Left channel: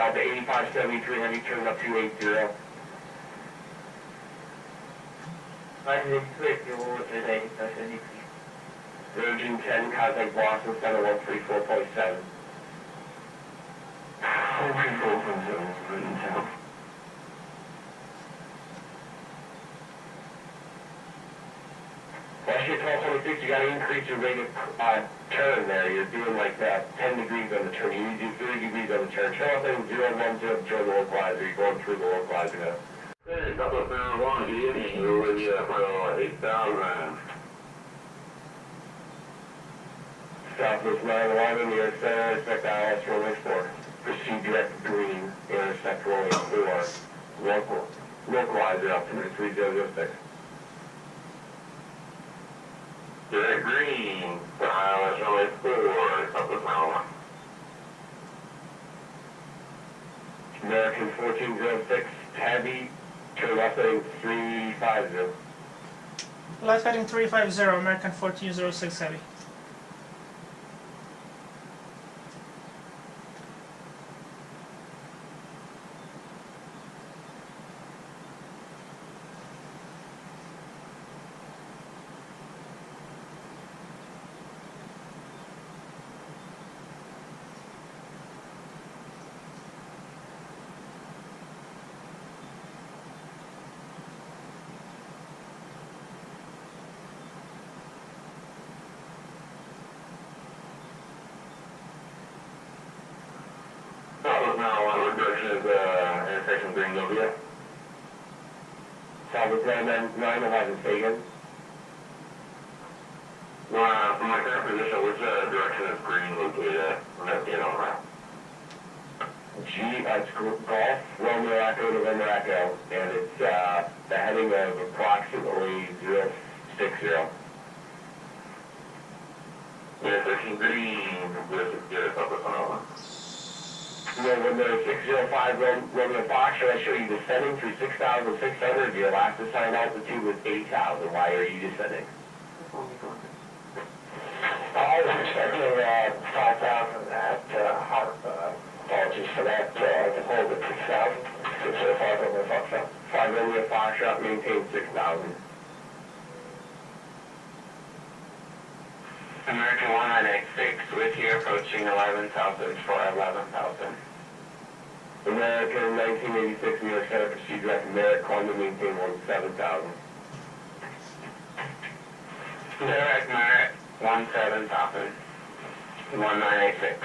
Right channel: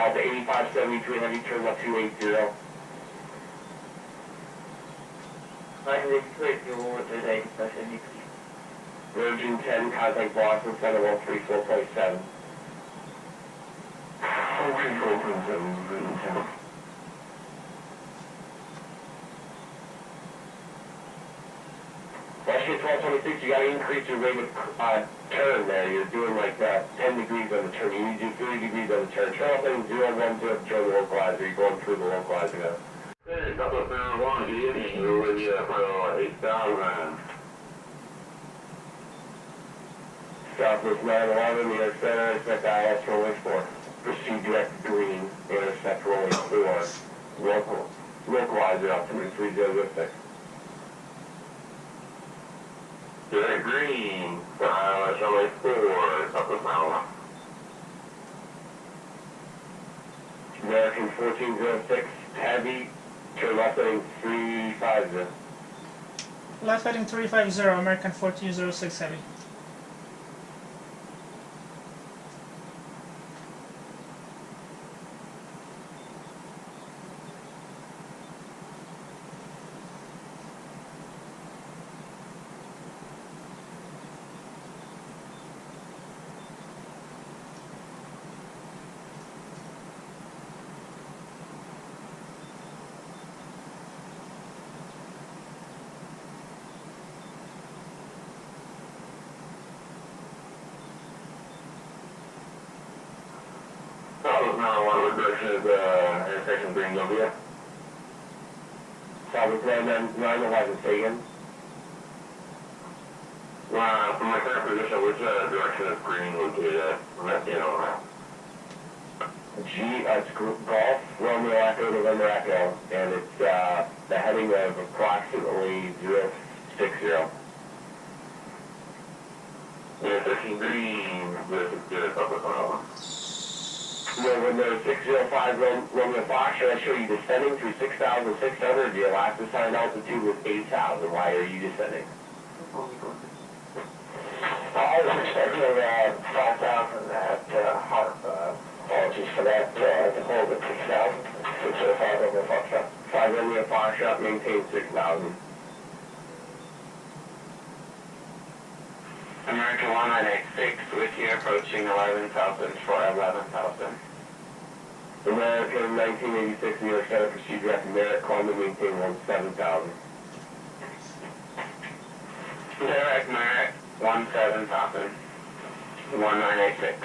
Delta 8573 Heavy, turn left 280. Lightning 280, there's 8573. Virgin 10, contact Boston Center 134.7. 134.7, Virgin 10. Last year 1226, you got to increase your rate of turn there. You're doing like 10 degrees on the turn. You need to do 30 degrees on the turn. Turn off thing 010 to join the localizer. You're going through the localizer now. Hey, couple of marijuana, good evening. We're with you for 8,000. Southwest 911, New York Center, expect ILS runway 4. Proceed direct green, intercept runway 4. Localizer altimeter 3006. Direct green, ILS runway 4, Southwest 911. American 1406, heavy, turn left heading 350. Left heading 350, American 1406 heavy. Southwest 911, what direction is intersection Greenville? Southwest 911, say again. From my current position, which direction is green located at? From that, It's Golf, Romeo Echo, November Echo, and it's the heading of approximately 060. Intersection green, this is good, Southwest 911. November 605 Romeo Foxtrot, I show you descending through 6,600. Your last assigned altitude was 8,000. Why are you descending? I was expecting 5,000 at Harp. Apologies for that. To hold at 6,000. 605 Romeo Foxtrot. 5 Romeo Foxtrot, maintain 6,000. American 1986 with you approaching 11,000 for 11,000. American 1986 New York Center, proceed direct Merritt, Columbia, maintain 17,000. Direct Merritt 17,000. 1986.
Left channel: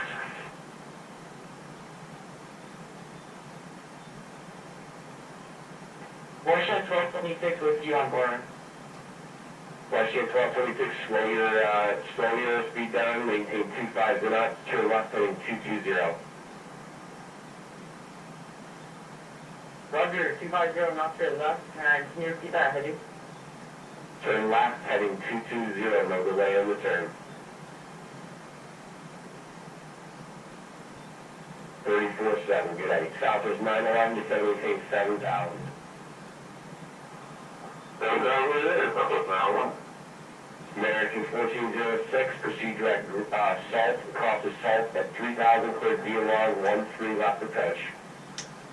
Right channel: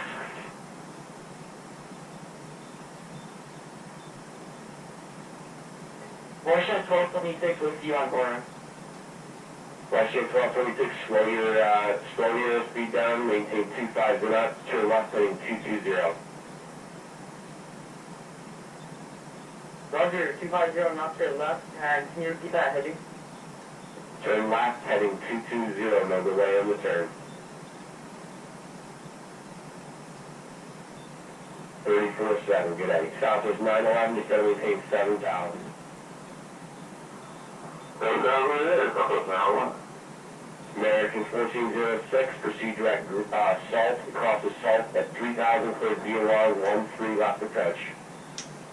Russia 1226 with you on board. Russia 1226, slow your speed down, maintain 25 knots, turn left heading 220. Roger, 250 knots to the left, and can you repeat that heading? Turn left heading 220, no delay on the turn. 34.7, good day. Southwest 911, descend maintain 7,000. 7,000 it is, Southwest 911. American 1406, proceed direct Salt, across the Salt at 3,000, clear VOR 13 left approach.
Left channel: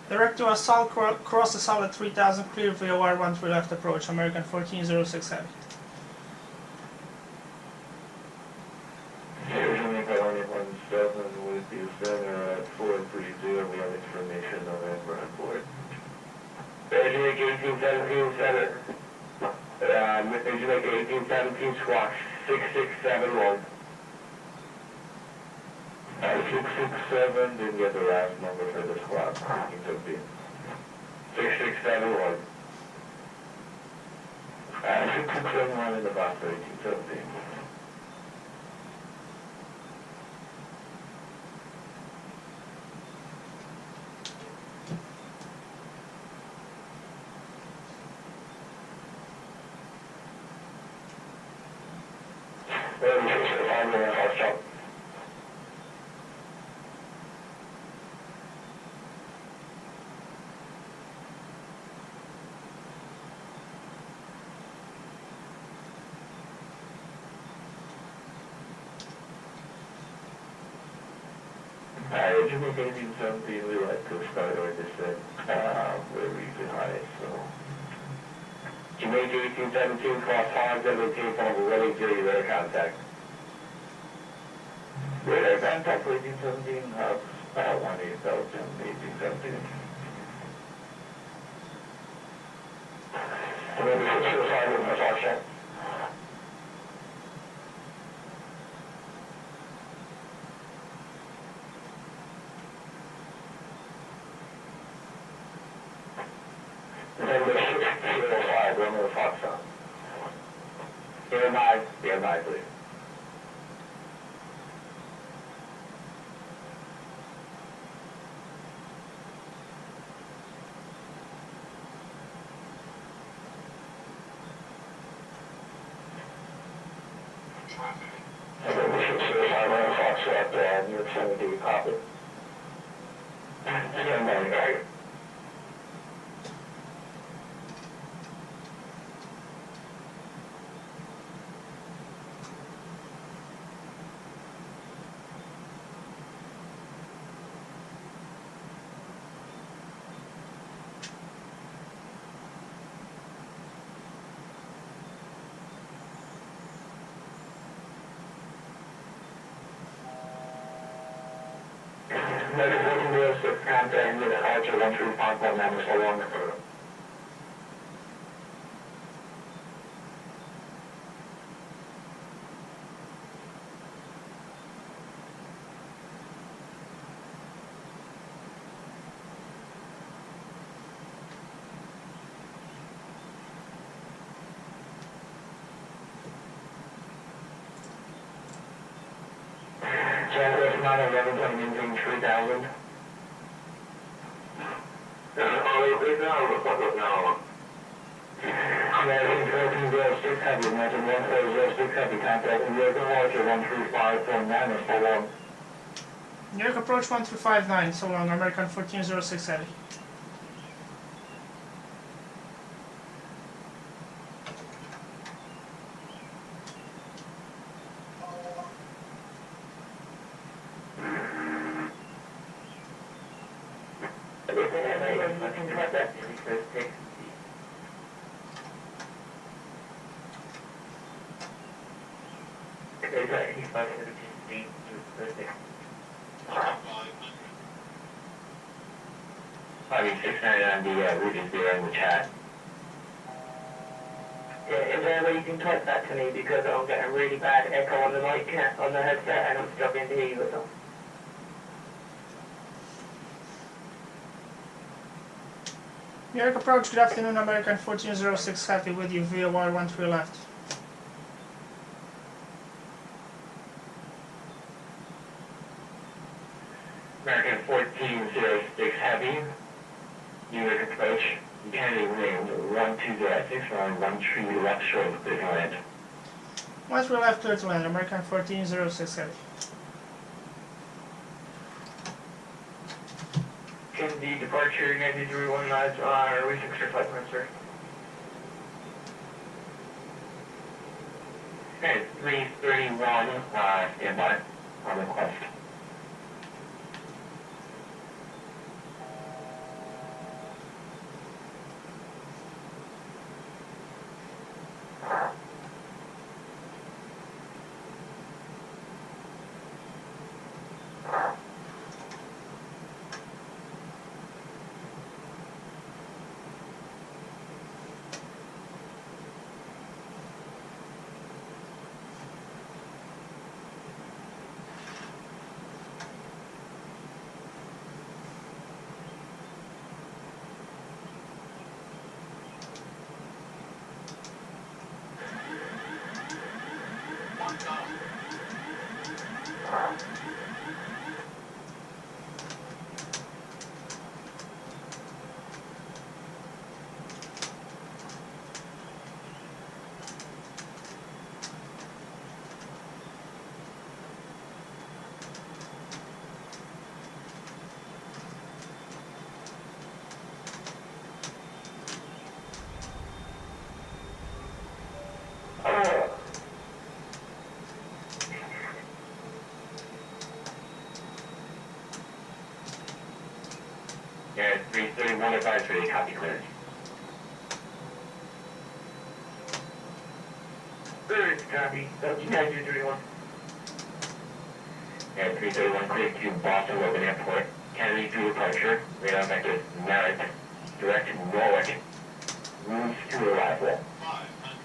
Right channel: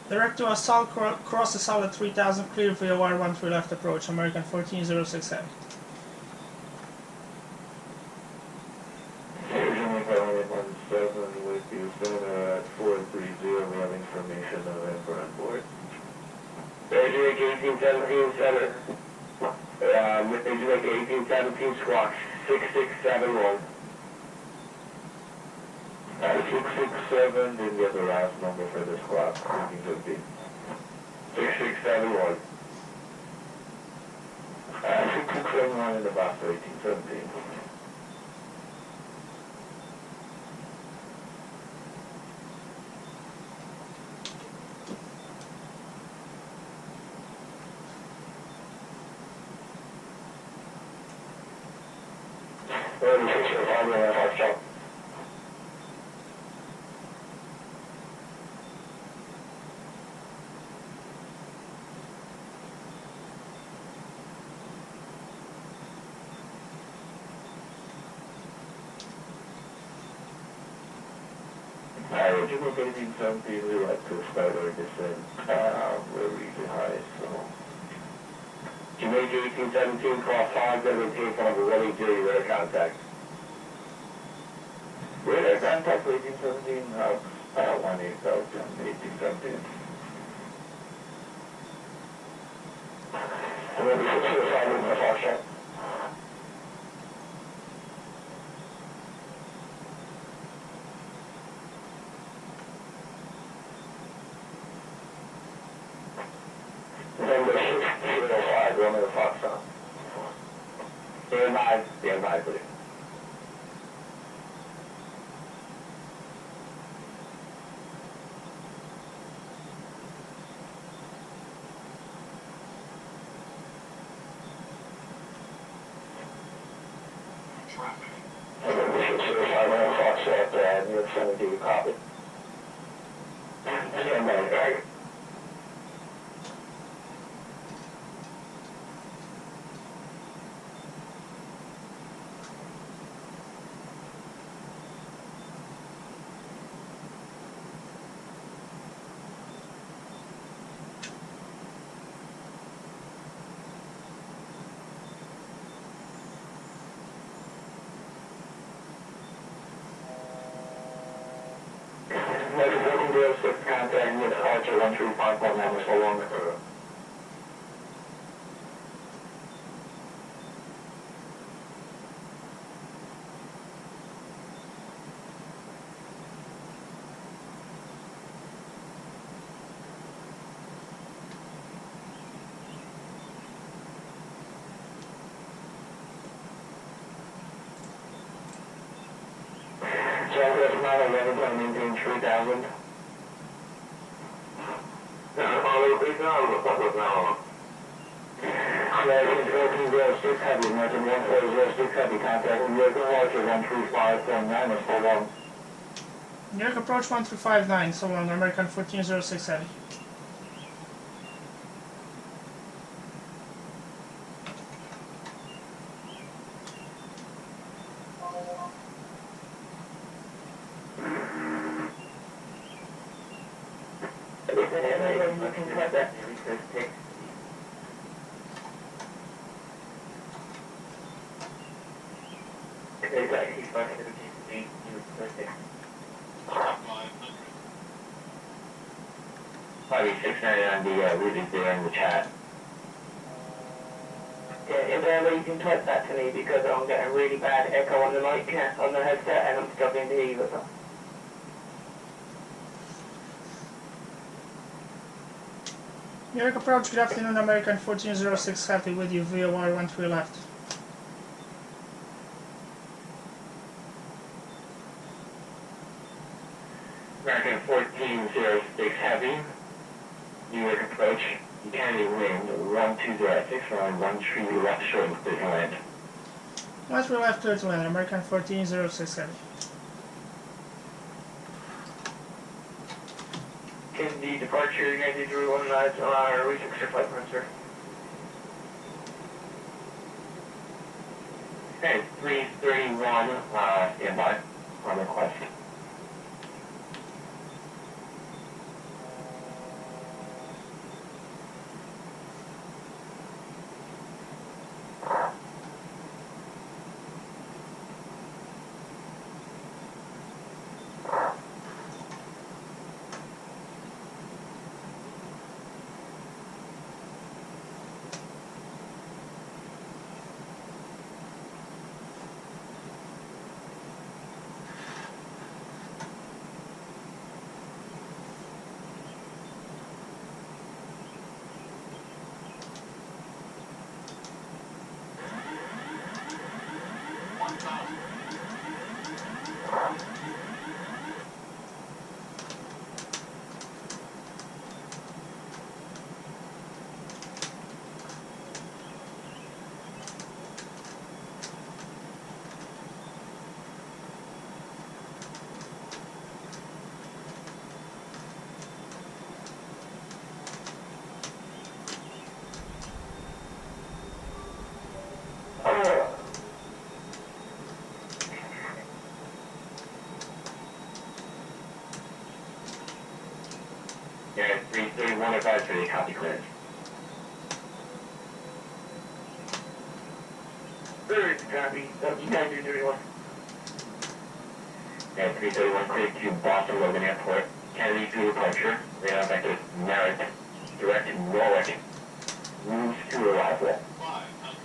Direct to assault, cross the Salt at 3000, clear VOR 13 left approach, American 1406 heavy. Originally calling 17 with you center at 430, we have information November on board. Virgin Lake 1817 center, Virgin Lake 1817 squawk 6671. 667, didn't get the last number for the squawk. You could be. 6671. 6671 in the box 1817. Jimmy 1817, we like to start our descent. We're really high, so. Jamaica 1817, cross 517, phone number 180, radar contact. Radar contact 1817, 1817. Remember 605 with my talk show. November 605, Romeo Foxtrot. Stand by, please. November 605, Romeo Foxtrot, New York City, do you copy? Stand by, right? Negative 1406, contact with departure 135.9, so long. Southwest 911, maintain 3000. American 1406, heavy, American 1406, heavy, contact American Larger 135.9, so long. New York approach 1359, so long, American 1406 heavy. You can cut that. Exactly, 578, New Pacific. 58699, the route is there in the chat. Yeah, is there a way you can type that to me because I'm getting a really bad echo on the mic, on the headset, and I'm struggling to hear you with them. New York approach, good afternoon, American 1406 heavy with you, VOR 13 left. American 1406 heavy, New York approach, Kennedy wind 1206, around 13 left short and clear to land. 13 left, clear to land, American 1406 heavy. The departure, United 319, refix your flight plan, sir. Okay, 331, standby, on request. Prepar3d, copy clearance. Very copy. You guys do 31. And 331 cleared to Boston Logan Airport. Kennedy to departure. Radar vector Merritt. Direct to Norwich. Moves to arrival.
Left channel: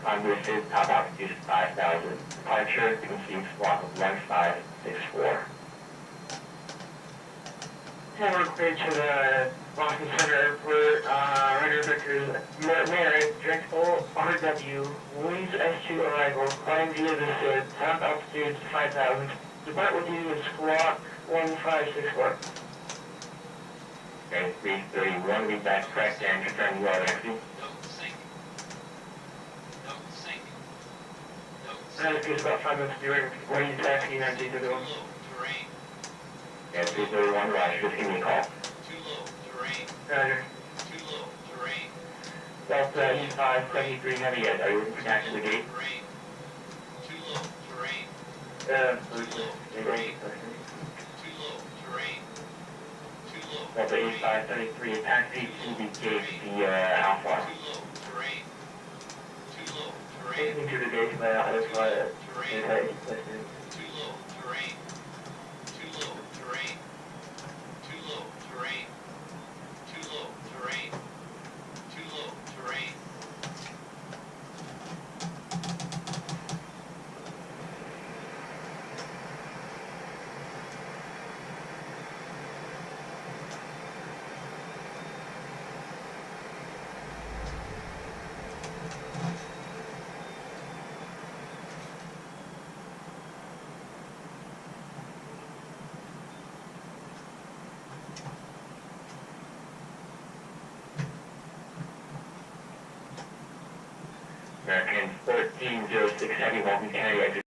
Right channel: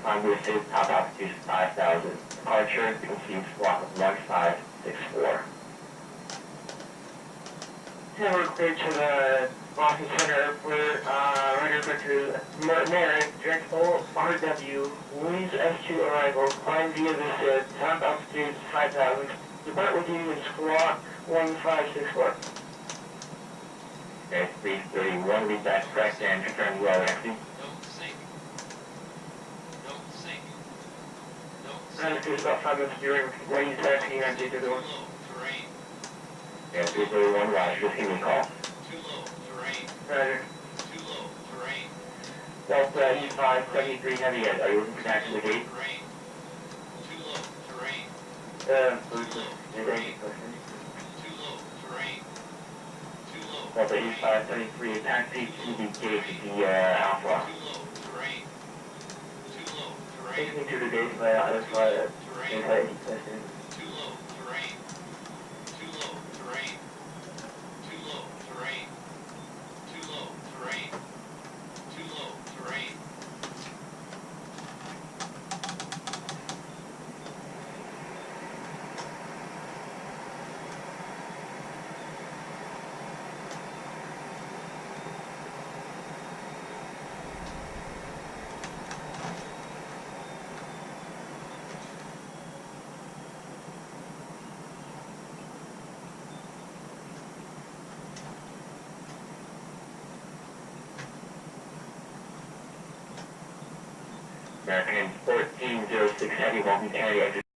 Congress is top altitude 5,000. Departure, conceived block of 1564. Hammer cleared to the Boston Center Airport, radar vector Merritt, direct ORW, Louise S2 arrival, climb via the SID, top altitude 5,000. Depart with you in squawk 1564. Okay, 331, read back correct and confirm you are taxi. It's about 5 minutes during when you taxi and take the one. Yeah, 331, Roger, just give me a call. Roger. Delta E573 Heavy Ed, are you looking for taxi to the gate? Delta E573, taxi to the gate via Alpha. Take me to the gate by Alpha. American 1406 Heavy, welcome to Kennedy, exit